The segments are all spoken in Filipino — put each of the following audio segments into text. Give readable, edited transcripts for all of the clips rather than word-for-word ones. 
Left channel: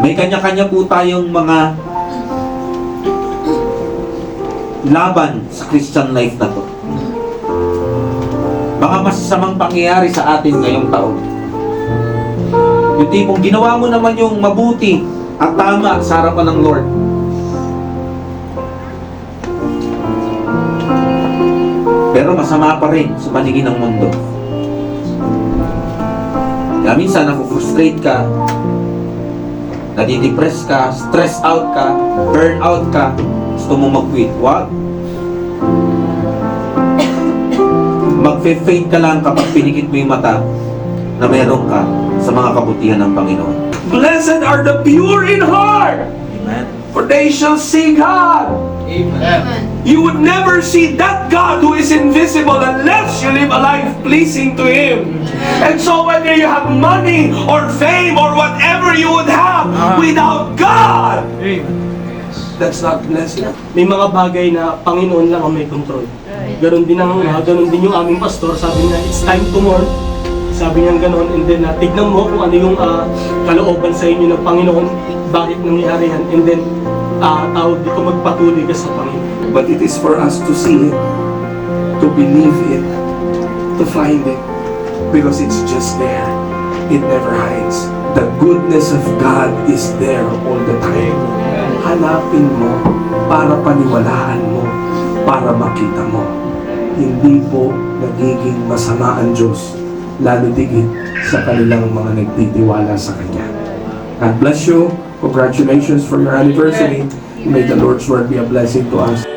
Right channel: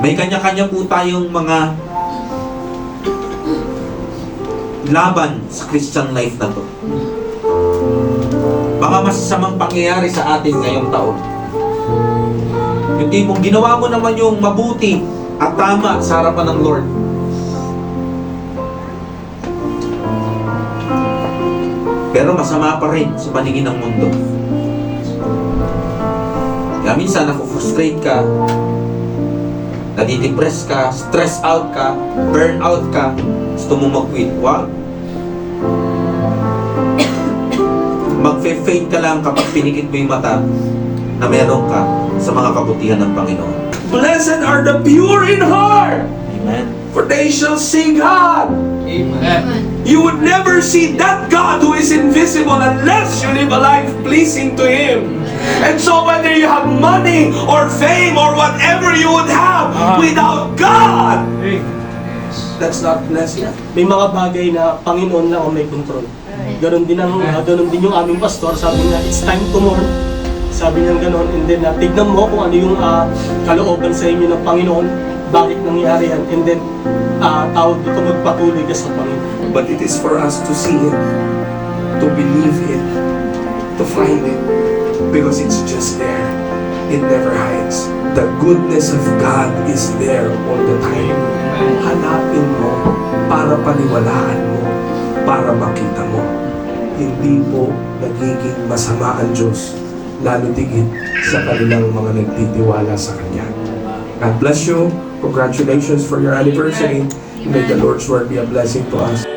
May kanya-kanya po tayong mga laban sa Christian life na to. Baka masasamang pangyayari sa atin ngayong taon. Yung tipong ginawa mo naman yung mabuti at tama sa harapan ng Lord. Pero masama pa rin sa paningin ng mundo. Kaya minsan naku-frustrate ka, nadidepress ka, stress out ka, burn out ka, gusto mong mag-quit. Wag. Mag-faint ka lang kapag pinikit mo yung mata na meron ka sa mga kabutihan ng Panginoon. Blessed are the pure in heart, Amen. for they shall see God. Amen. You would never see that God who is invisible unless you live a life pleasing to Him. And so whether you have money or fame or whatever you would have, without God, that's not blessing. May mga bagay na Panginoon lang ang may control. Ganon din yung aming pastor, sabi niya, it's time to mourn. Sabi niya ganon, and then tignan mo kung ano yung kalooban sa inyo ng Panginoon, bakit nangyari yan, and then tawag dito, magpatuloy ka sa Panginoon. But it is for us to see it, to believe it, to find it, because it's just there. It never hides. The goodness of God is there all the time. Hanapin mo para paniwalaan mo, para makita mo. Hindi po nagiging masama ang Diyos, lalo tigit sa kanilang mga nagtitiwala sa Kanya. God bless you. Congratulations for your anniversary. May the Lord's word be a blessing to us.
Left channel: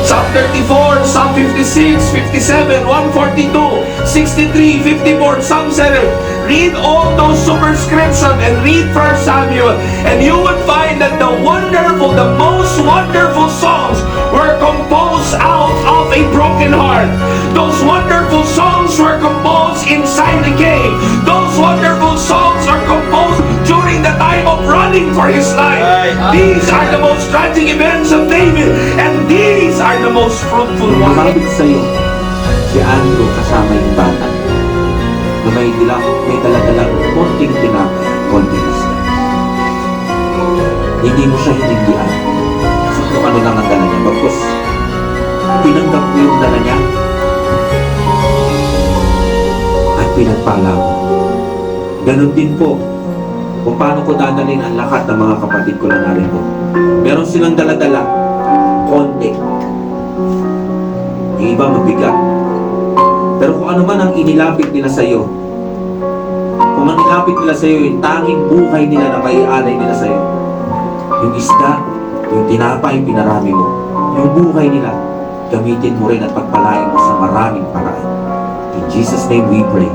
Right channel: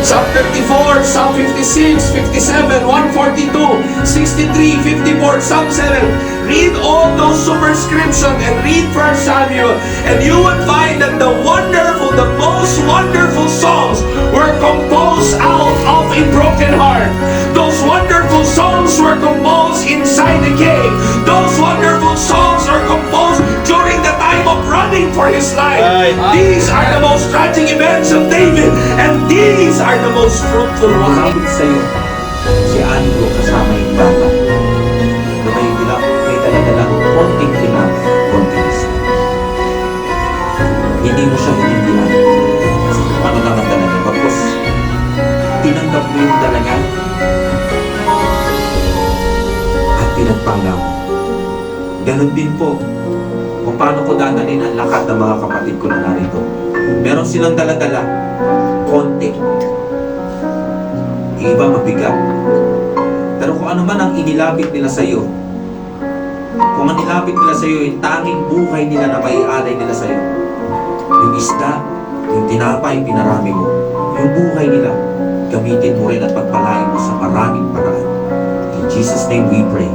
Psalm 34, Psalm 56, 57, 142, 63, 54, Psalm 7. Read all those superscriptions and read 1 Samuel, and you would find that the most wonderful songs were composed out of a broken heart. Those wonderful songs were composed inside the cave. Those wonderful songs are composed during the time of running for his life. These are the most tragic events of David, and these are the most fruitful ones. Malapit sa'yo, si Andrew kasama yung bata na may talaga lang konting tinapay, konting isa. Hindi mo siya hinindihan kasi kung ano lang ang dala niya. Bagkus, tinanggap mo yung dala niya at pinagpanglaw. Ganon din po kung paano ko dadalhin ang lahat ng mga kapatid ko na narito. Meron silang dala-dala, konti. Yung iba mabigat. Pero kung ano man ang inilapit nila sa iyo, kung ang nilapit nila sa iyo, yung tanging buhay nila na maialay nila sa iyo, yung isda, yung tinapay, pinarami mo, yung buhay nila, gamitin mo rin at pagpalain mo sa maraming paraan. In Jesus' name we pray.